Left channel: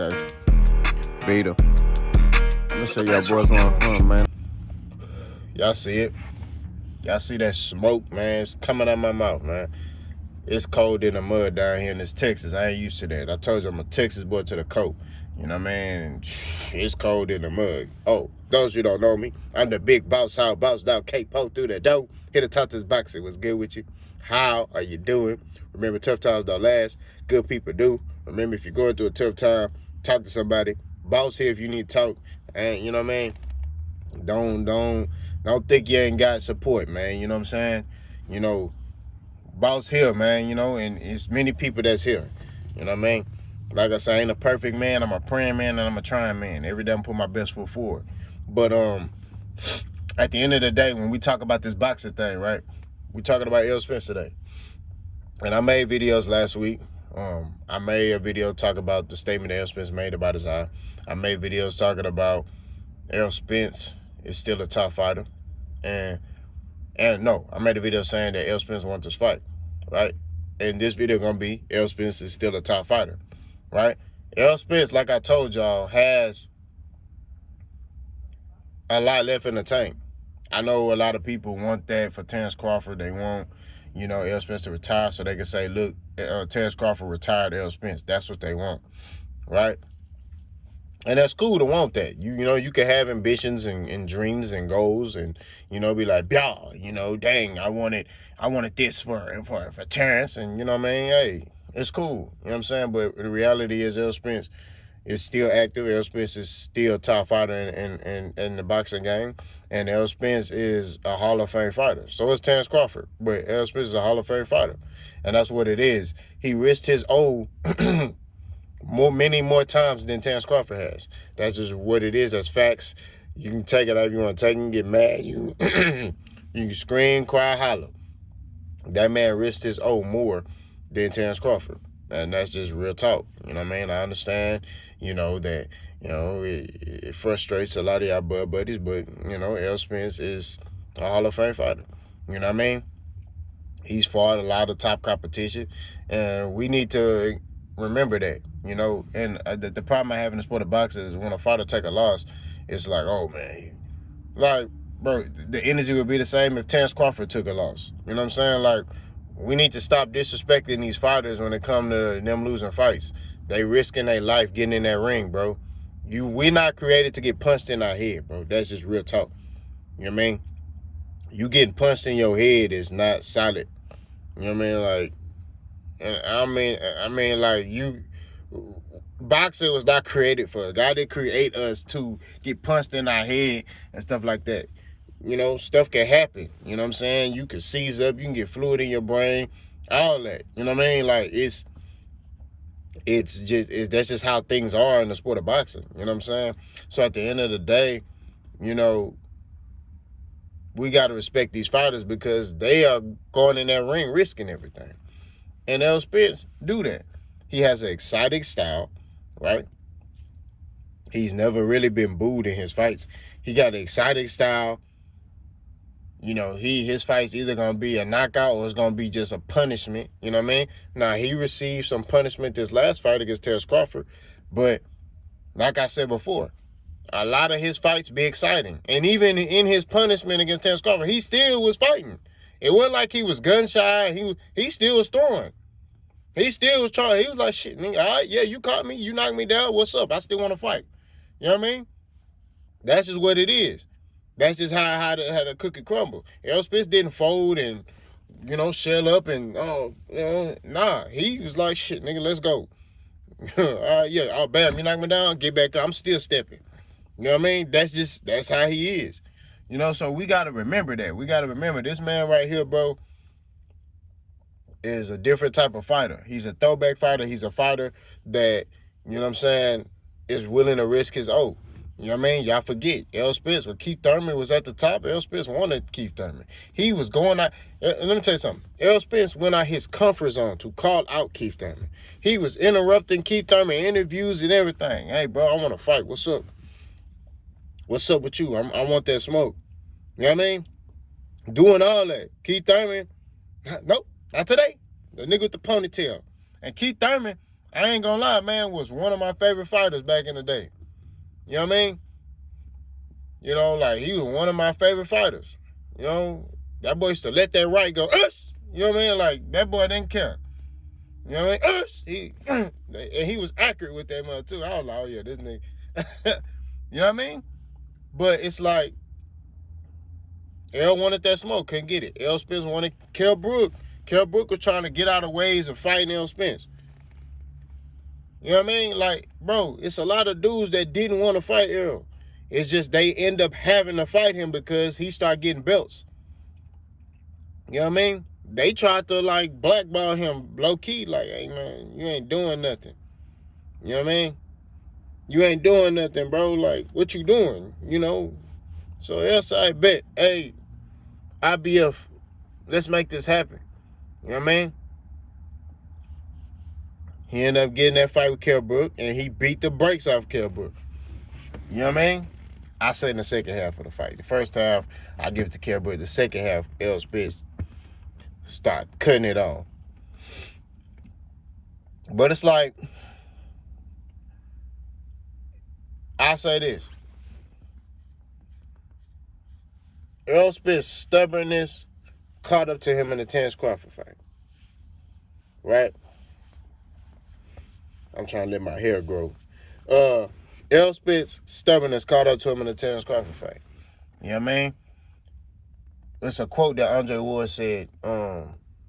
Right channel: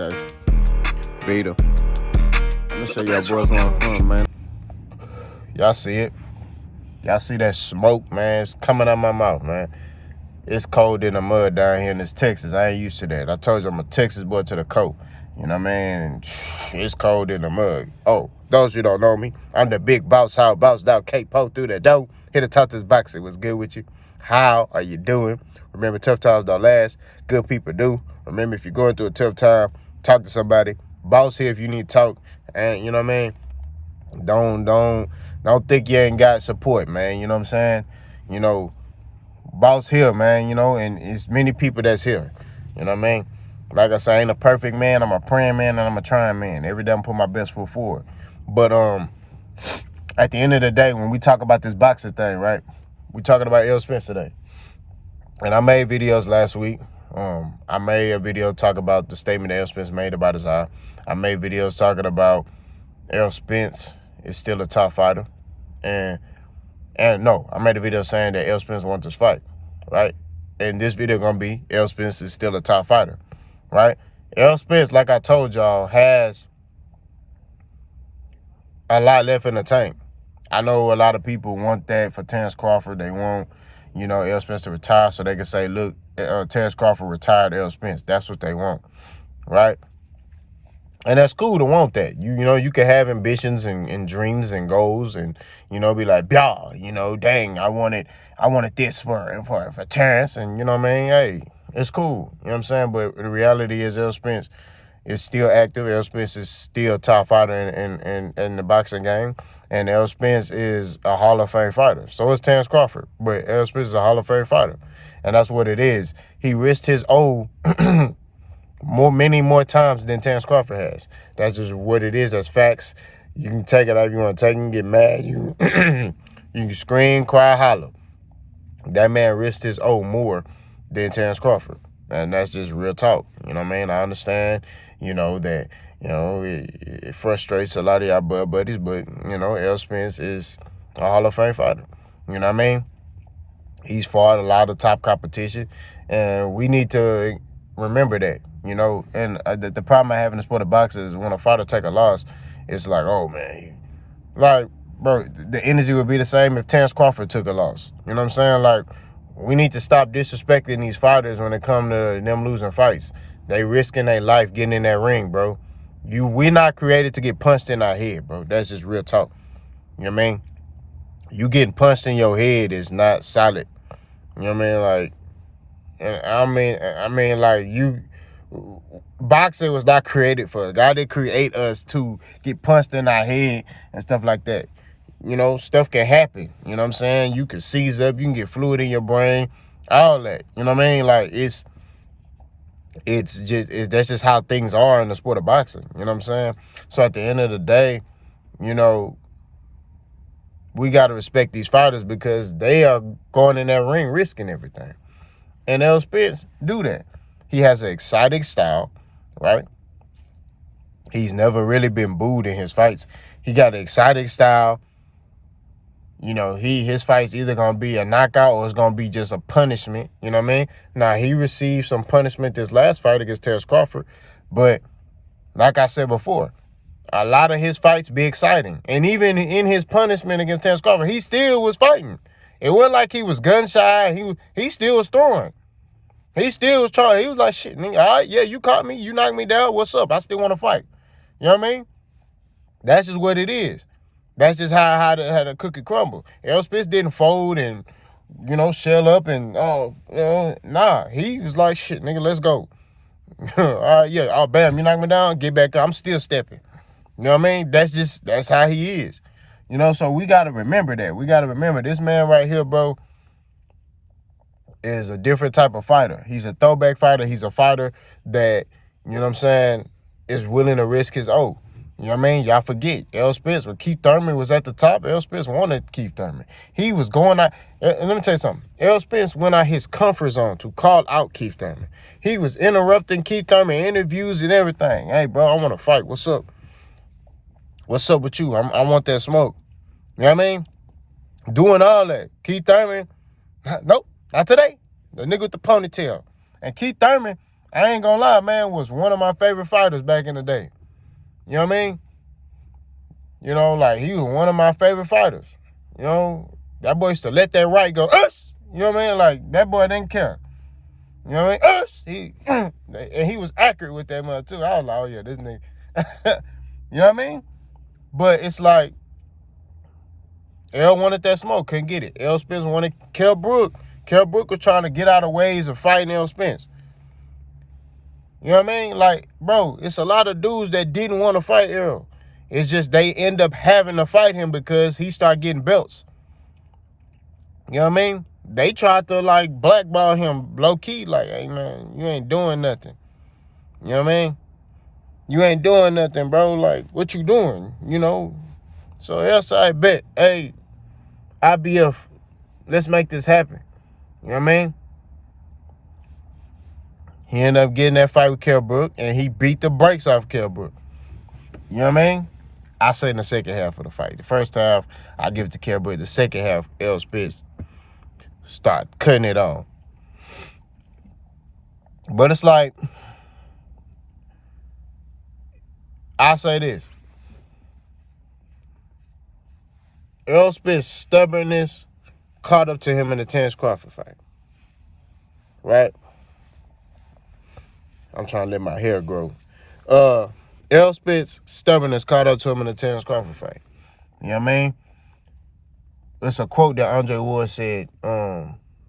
Okay. Beta. Let me show y'all boys where I'm from, man. Y'all see it? Y'all see that smoke, man? It's coming out my mouth, man. It's cold in the mud down here in this Texas. I ain't used to that. I told you I'm a Texas boy to the coast. You know what I mean? It's cold in the mud. Oh, those who don't know me, I'm the big boss. How bounced out K-Po through the door. Here to talk this boxer. What's good with you? How are you doing? Remember, tough times don't last. Good people do. Remember, if you're going through a tough time, talk to somebody. Boss here if you need to talk. And you know what I mean? Don't think you ain't got support, man. You know what I'm saying? You know, boss here, man, you know, and it's many people that's here. You know what I mean? Like I say, I ain't a perfect man. I'm a praying man and I'm a trying man. Every day I'm putting my best foot forward. But at the end of the day, when we talk about this boxing thing, right? We talking about Errol Spence today. And I made videos last week. I made a video talking about the statement that Errol Spence made about his eye. I made videos talking about Errol Spence is still a top fighter. And no, I made a video saying that Errol Spence wants this fight, right? And this video gonna be Errol Spence is still a top fighter, right? Errol Spence, like I told y'all, has a lot left in the tank. I know a lot of people want that for Terrence Crawford. They want, you know, Errol Spence to retire so they can say, look, Terrence Crawford retired Errol Spence. That's what they want, right? And that's cool to want that. You know, you can have ambitions and dreams and goals and, you know, be like, yeah, you know, dang, I wanted this for Terrence. And, you know what I mean? Hey, it's cool. You know what I'm saying? But the reality is Errol Spence is still active. Errol Spence is still a top fighter in the boxing game. And Errol Spence is a Hall of Fame fighter. So is Terrence Crawford. But Errol Spence is a Hall of Fame fighter. And that's what it is. He risked his O many more times than Terrence Crawford has. That's just what it is. That's facts. You can take it however you want to take it. You can get mad. You can scream, cry, holler. That man risked his O more than Terrence Crawford. And that's just real talk. You know what I mean? I understand, you know, that, you know, it frustrates a lot of y'all buddies, but, you know, Errol Spence is a Hall of Fame fighter. You know what I mean? He's fought a lot of top competition, and we need to remember that, you know. And the problem I have in the sport of boxing is when a fighter take a loss, it's like, oh, man. Like, bro, the energy would be the same if Terrence Crawford took a loss. You know what I'm saying? Like, we need to stop disrespecting these fighters when it come to them losing fights. They risking their life getting in that ring, bro. We're not created to get punched in our head, bro. That's just real talk. You know what I mean? You getting punched in your head is not solid. You know what I mean? Like, I mean, like, boxing was not created for us. God didn't create us to get punched in our head and stuff like that. You know, stuff can happen. You know what I'm saying? You can seize up. You can get fluid in your brain. All that. You know what I mean? Like, that's just how things are in the sport of boxing. You know what I'm saying? So at the end of the day, you know, we got to respect these fighters because they are going in that ring risking everything. And Errol Spence do that. He has an exciting style, right? He's never really been booed in his fights. He got an exciting style. You know, his fight's either going to be a knockout or it's going to be just a punishment. You know what I mean? Now, he received some punishment this last fight against Terrence Crawford. But like I said before, a lot of his fights be exciting. And even in his punishment against Terrence Crawford, he still was fighting. It wasn't like he was gun shy. He still was throwing. He still was trying. He was like, shit, nigga, all right, yeah, you caught me. You knocked me down. What's up? I still want to fight. You know what I mean? That's just what it is. That's just how the cookie crumble. Errol Spence didn't fold and, you know, shell up and, nah. He was like, shit, nigga, let's go. All right, yeah, oh, bam, you knock me down, get back up. I'm still stepping. You know what I mean? That's how he is. You know, so we got to remember that. We got to remember this man right here, bro, is a different type of fighter. He's a throwback fighter. He's a fighter that, you know what I'm saying, is willing to risk his O. You know what I mean? Y'all forget. Errol Spence, when Keith Thurman was at the top, Errol Spence wanted Keith Thurman. He was going out. And let me tell you something. Errol Spence went out his comfort zone to call out Keith Thurman. He was interrupting Keith Thurman interviews and everything. Hey, bro, I want to fight. What's up? What's up with you? I want that smoke. You know what I mean? Doing all that. Keith Thurman, nope, not today. The nigga with the ponytail. And Keith Thurman, I ain't gonna lie, man, was one of my favorite fighters back in the day. You know what I mean? You know, like, he was one of my favorite fighters. You know, that boy used to let that right go, us! You know what I mean? Like, that boy didn't care. You know what I mean? Us! And he was accurate with that mother, too. I was like, oh, yeah, this nigga. You know what I mean? But it's like, Errol wanted that smoke, couldn't get it. Errol Spence wanted Kell Brook. Kell Brook was trying to get out of ways of fighting Errol Spence. You know what I mean? Like, bro, it's a lot of dudes that didn't want to fight Errol. It's just they end up having to fight him because he started getting belts. You know what I mean? They tried to, like, blackball him low-key, like, hey, man, you ain't doing nothing. You know what I mean? You ain't doing nothing, bro. Like, what you doing? You know? So, else I bet, hey, IBF, let's make this happen. You know what I mean? He ended up getting that fight with Kell Brook, and he beat the brakes off Kell Brook. You know what I mean? I say in the second half of the fight. The first half, I give it to Kell Brook. The second half, Errol Spence start cutting it on. But it's like, I say this. Errol Spence's stubbornness caught up to him in the Terence Crawford fight. Right? I'm trying to let my hair grow. Errol Spence's stubbornness caught up to him in the Terence Crawford fight. You know what I mean? It's a quote that Andre Ward said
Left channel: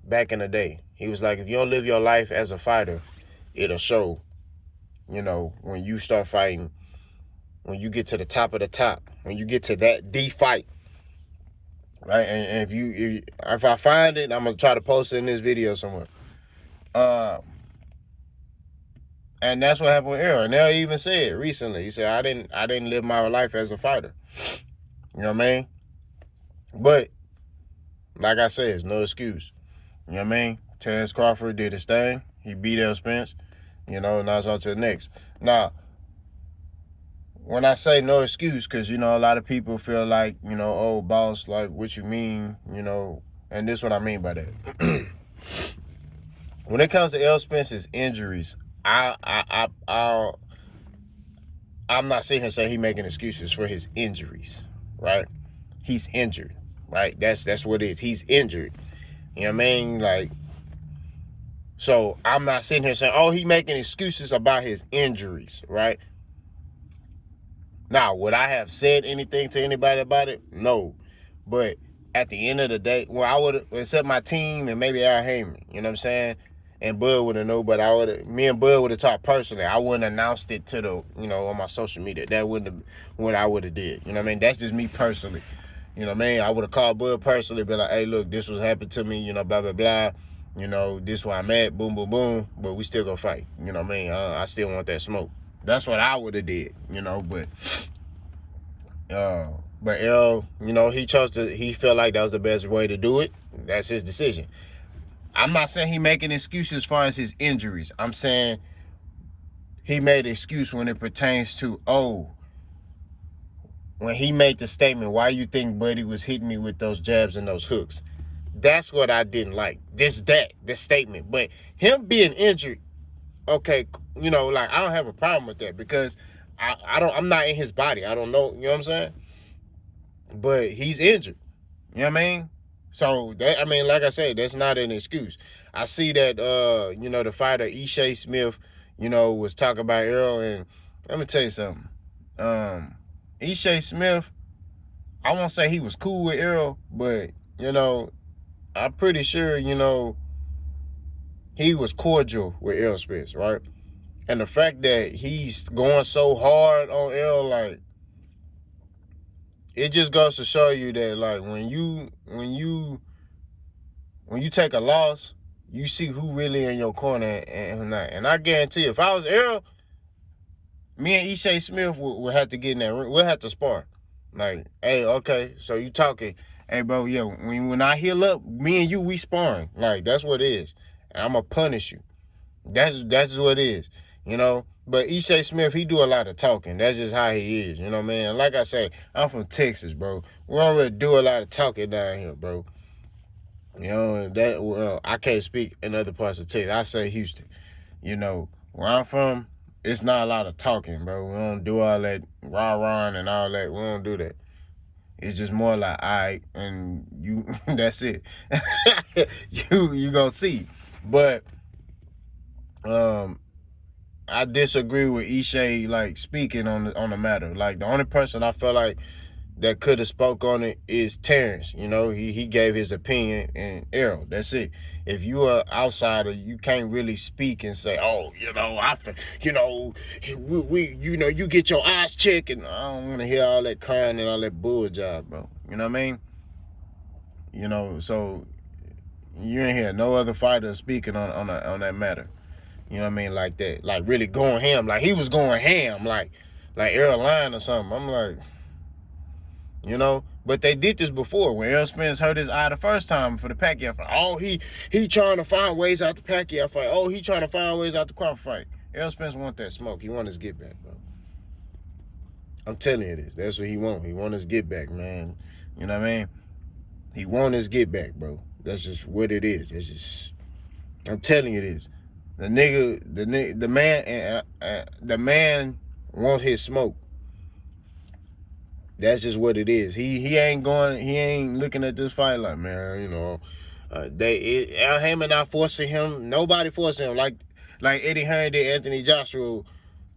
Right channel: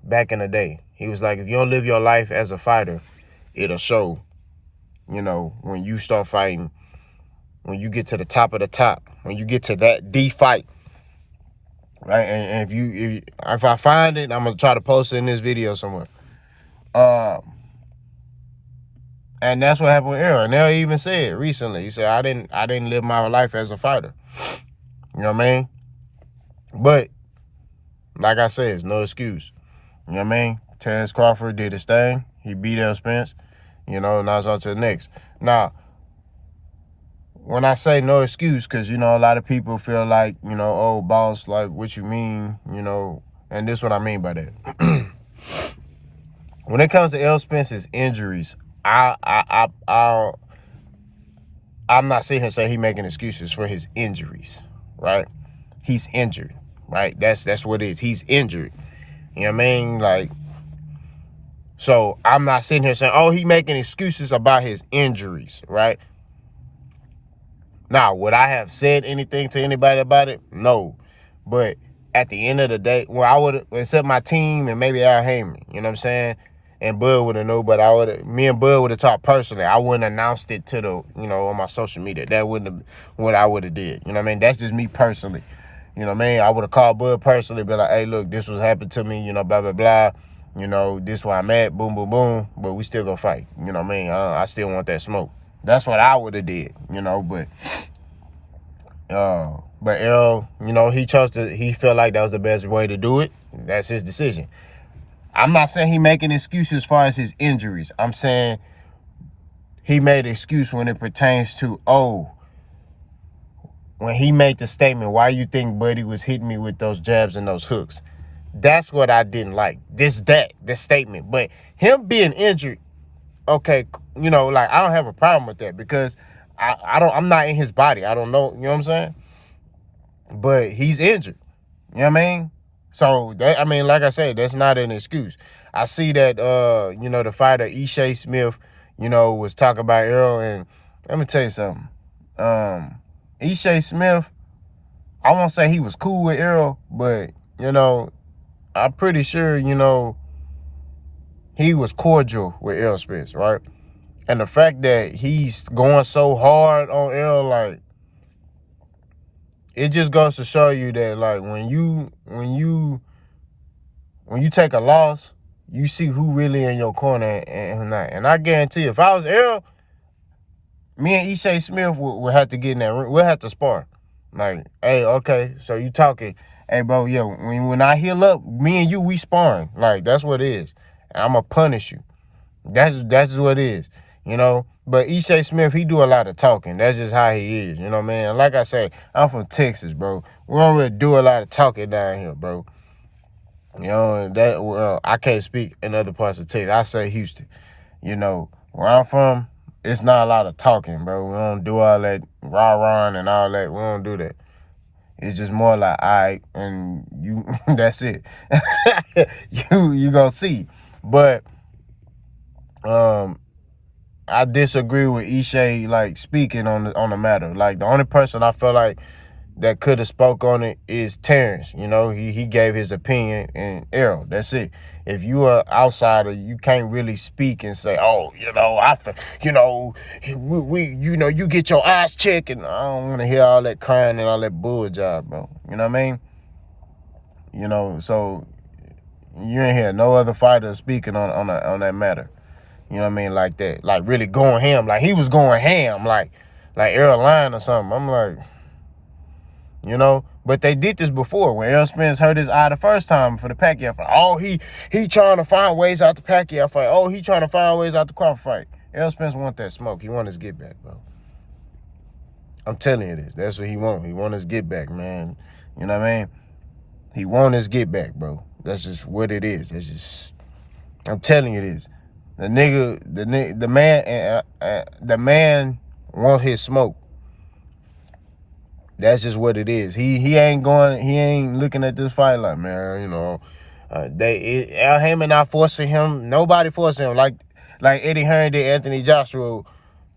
back in the day. He was like, if you don't live your life as a fighter, it'll show, you know, when you start fighting, when you get to the top of the top, when you get to that D fight. Right? And if I find it, I'm going to try to post it in this video somewhere. And that's what happened with Errol. And Errol even said recently, he said, I didn't live my life as a fighter. You know what I mean? But, like I said, it's no excuse. You know what I mean? Terence Crawford did his thing. He beat Errol Spence. You know, now it's on to the next. Now, when I say no excuse, because, you know, a lot of people feel like, you know, oh, boss, like, what you mean, you know, and this is what I mean by that. When it comes to Errol Spence's injuries, I'm not sitting here saying he's making excuses for his injuries, right? He's injured, right? That's what it is. He's injured. You know what I mean? Like, so I'm not sitting here saying, oh, he making excuses about his injuries, right? Now, would I have said anything to anybody about it? No. But at the end of the day, well, I would have, except my team and maybe Al Heyman, you know what I'm saying? And Bud would have known, but me and Bud would have talked personally. I wouldn't have announced it to the, you know, on my social media. That wouldn't have what I would have did. You know what I mean? That's just me personally. You know what I mean? I would have called Bud personally, be like, hey, look, this was happened to me, you know, blah, blah, blah. You know, this where I'm at, boom, boom, boom. But we still gonna fight. You know what I mean? I still want that smoke. That's what I would have did, you know, but Errol, you know, he felt like that was the best way to do it. That's his decision. I'm not saying he making excuses as far as his injuries. I'm saying he made an excuse when it pertains to, when he made the statement, why you think Buddy was hitting me with those jabs and those hooks? That's what I didn't like. This statement. But him being injured, okay, you know, like, I don't have a problem with that because I'm not in his body. I don't know, you know what I'm saying? But he's injured. You know what I mean? So, that, I mean, like I said, that's not an excuse. I see that, you know, the fighter Ishai Smith, you know, was talking about Errol, and let me tell you something. Ishai Smith, I won't say he was cool with Errol, but, you know, I'm pretty sure, you know, he was cordial with Errol Spence, right? And the fact that he's going so hard on Errol, like, it just goes to show you that, like, when you take a loss, you see who really in your corner and who not. And I guarantee you, if I was Errol, me and Ishai Smith would have to get in that ring. We'll have to spar. Like, hey, okay, so you talking. Hey, bro, yeah, when I heal up, me and you, we sparring. Like, that's what it is. And I'm going to punish you. That's what it is, you know. But Ishai Smith, he do a lot of talking. That's just how he is, you know what I mean? And like I say, I'm from Texas, bro. We don't really do a lot of talking down here, bro. You know, I can't speak in other parts of Texas. I say Houston, you know. Where I'm from, it's not a lot of talking, bro. We don't do all that rah-rah and all that. We don't do that. It's just more like, all right, and you, that's it. you gonna see. But I disagree with Ishay, like, speaking on the matter. Like, the only person I feel like that could have spoke on it is Terrence. You know, he gave his opinion, and Errol. That's it. If you are outsider, you can't really speak and say, oh, you get your eyes checked, and I don't want to hear all that crying and all that bull job, bro. You know what I mean? So you ain't hear no other fighter speaking on that matter. You know what I mean? Like that, like really going ham, like he was going ham, like Errol lying or something. I'm like, but they did this before when Errol Spence hurt his eye the first time for the Pacquiao fight. Oh, he trying to find ways out the Pacquiao fight. Oh, he trying to find ways out the Crawford fight. Errol Spence want that smoke. He want his get back, bro. I'm telling you this. That's what he want. He want his get back, man. You know what I mean? He want his get back, bro. That's just what it is. That's just, I'm telling you this. The man want his smoke. That's just what it is. He ain't looking at this fight like, man, Al Haymon not forcing him. Nobody forcing him like Eddie Hearn did Anthony Joshua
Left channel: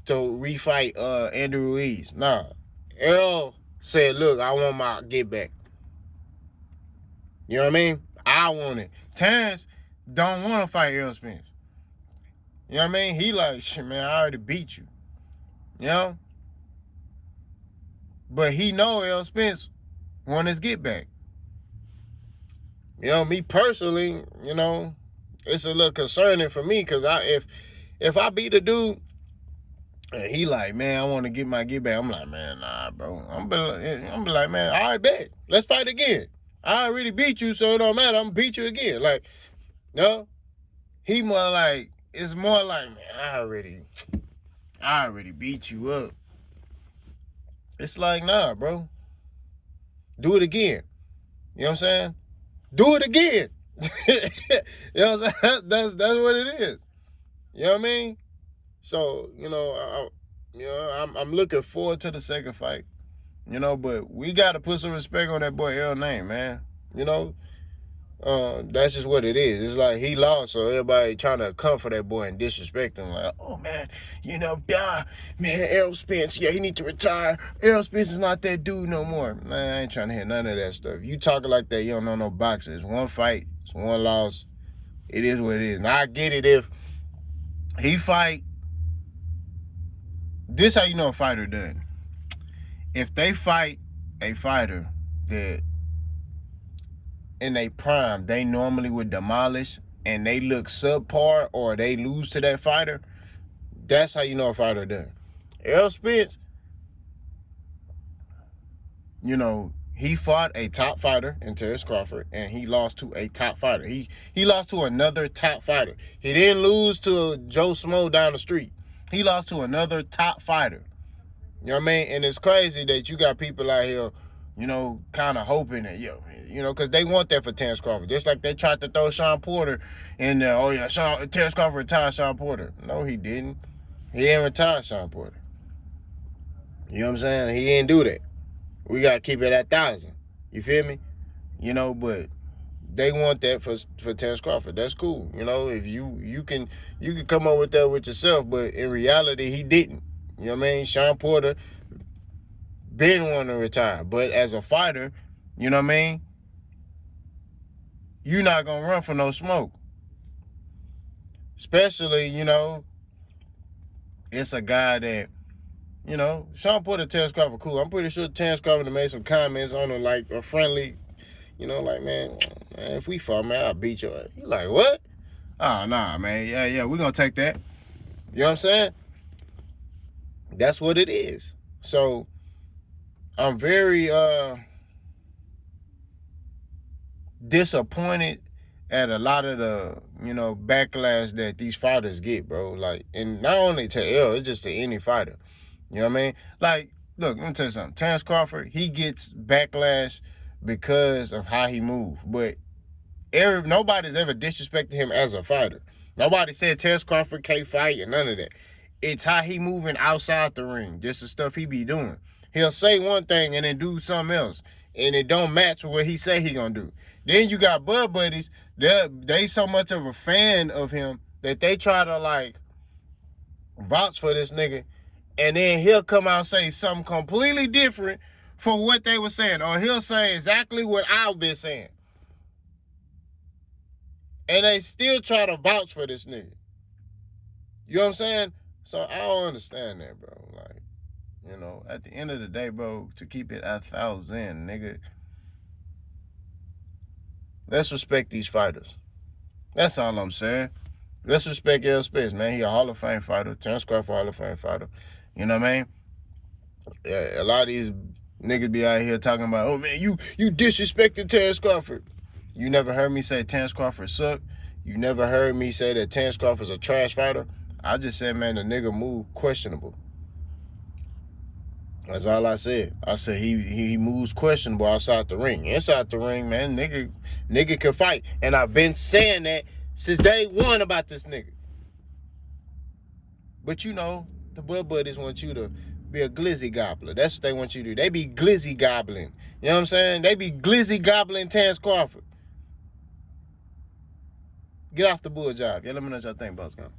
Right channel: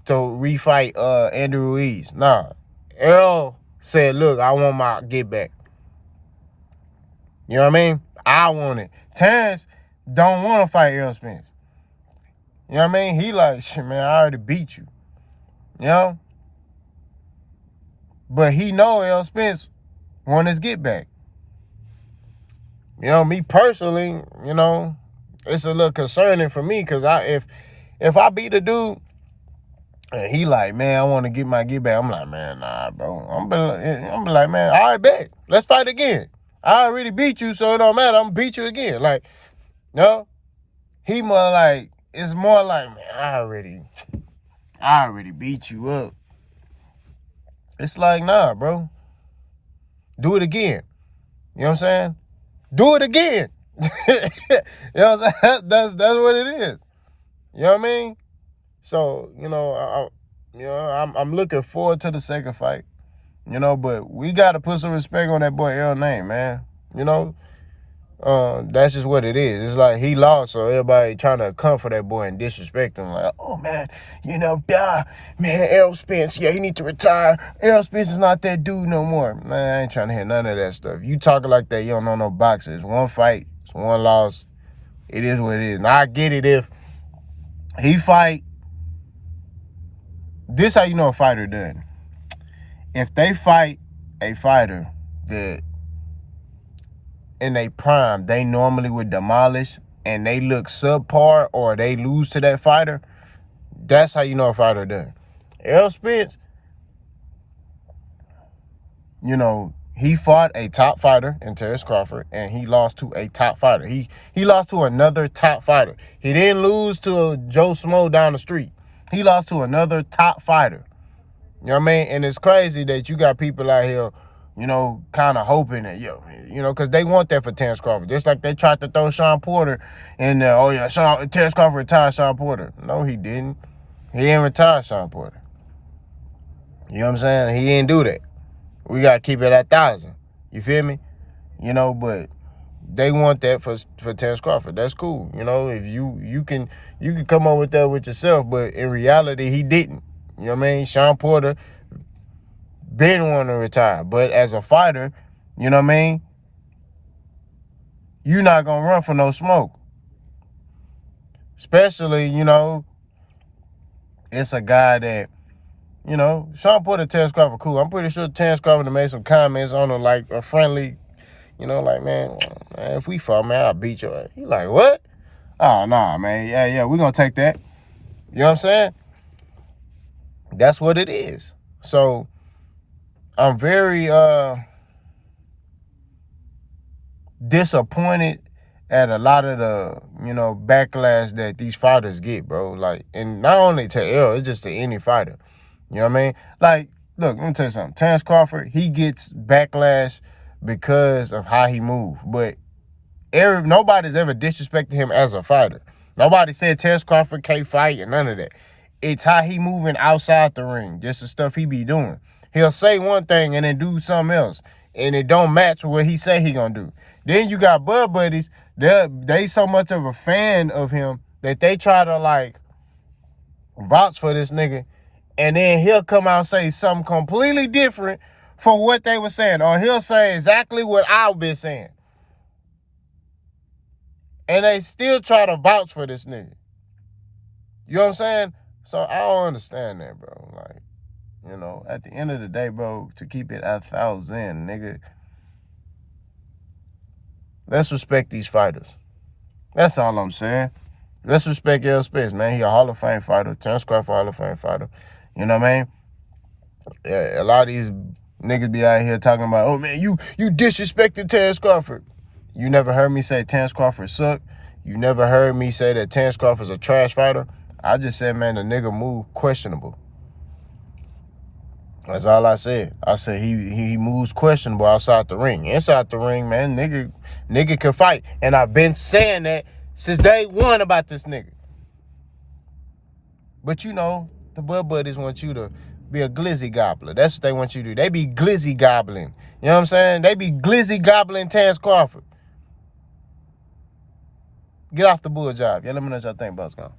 to refight Andrew Ruiz. Nah. Errol said, look, I want my get back. You know what I mean? I want it. Terrence don't want to fight Errol Spence. You know what I mean? He like, shit, man, I already beat you. You know? But he know Errol Spence want his get back. Me personally, it's a little concerning for me because if I beat the dude and he like, man, I want to get my get back, I'm like, man, nah, bro. I'm be like, man, all right, bet. Let's fight again. I already beat you, so it don't matter. I'm gonna beat you again. Like, he more like, it's more like, man, I already beat you up. It's like, nah, bro. Do it again. You know what I'm saying? Do it again. You know what I'm saying? That's what it is. You know what I mean? So, I'm looking forward to the second fight. But we gotta put some respect on that boy Errol name, man. That's just what it is. It's like he lost, so everybody trying to come for that boy and disrespect him. Like, oh man, man, Errol Spence, yeah, he need to retire. Errol Spence is not that dude no more. Man, I ain't trying to hear none of that stuff. You talking like that, you don't know no boxing. It's one fight, it's one loss. It is what it is. Now I get it if he fight. This how you know a fighter done. If they fight a fighter that in their prime, they normally would demolish and they look subpar or they lose to that fighter, that's how you know a fighter done. Errol Spence, he fought a top fighter in Terrence Crawford and he lost to a top fighter. He lost to another top fighter. He didn't lose to Joe Smo down the street. He lost to another top fighter. You know what I mean? And it's crazy that you got people out here, kind of hoping that, because they want that for Terrence Crawford. Just like they tried to throw Sean Porter in there. Oh, yeah, Terrence Crawford retired Sean Porter. No, he didn't. He didn't retire Sean Porter. You know what I'm saying? He didn't do that. We got to keep it at 1,000. You feel me? But they want that for Terrence Crawford. That's cool. If you can come up with that with yourself, but in reality, he didn't. You know what I mean? Sean Porter didn't want to retire. But as a fighter, you know what I mean? You're not going to run for no smoke. Especially, it's a guy that, Sean Porter, Terrence Crawford, cool. I'm pretty sure Terrence Crawford made some comments on him, like a friendly, like, man, if we fought, man, I'll beat you. He like, what? Oh, nah, man. Yeah, we're going to take that. You know what I'm saying? That's what it is. So I'm very disappointed at a lot of the, backlash that these fighters get, bro. Like, and not only to Errol, it's just to any fighter. You know what I mean? Like, look, let me tell you something. Terrence Crawford, he gets backlash because of how he moves. But nobody's ever disrespected him as a fighter. Nobody said Terence Crawford can't fight and none of that. It's how he moving outside the ring. Just the stuff he be doing. He'll say one thing and then do something else. And it don't match with what he say he gonna do. Then you got Bud Buddies. They so much of a fan of him that they try to like vouch for this nigga. And then he'll come out and say something completely different for what they were saying. Or he'll say exactly what I've been saying. And they still try to vouch for this nigga. You know what I'm saying? So I don't understand that, bro. Like, you know, at the end of the day, bro, to keep it 1,000, nigga, let's respect these fighters. That's all I'm saying. Let's respect Errol Spence, man. He a Hall of Fame fighter. Terence Crawford, Hall of Fame fighter. You know what I mean? Yeah, a lot of these niggas be out here talking about, oh, man, you disrespected Terence Crawford. You never heard me say Terence Crawford sucked. You never heard me say that Terence Crawford's a trash fighter. I just said, man, the nigga move questionable. That's all I said. I said he moves questionable outside the ring. Inside the ring, man, nigga can fight. And I've been saying that since day one about this nigga. But you know, the Bud Buddies want you to be a glizzy gobbler. That's what they want you to do. They be glizzy gobbling. You know what I'm saying? They be glizzy gobbling Terence Crawford. Get off the bull job. Yeah, let me know what y'all think about it.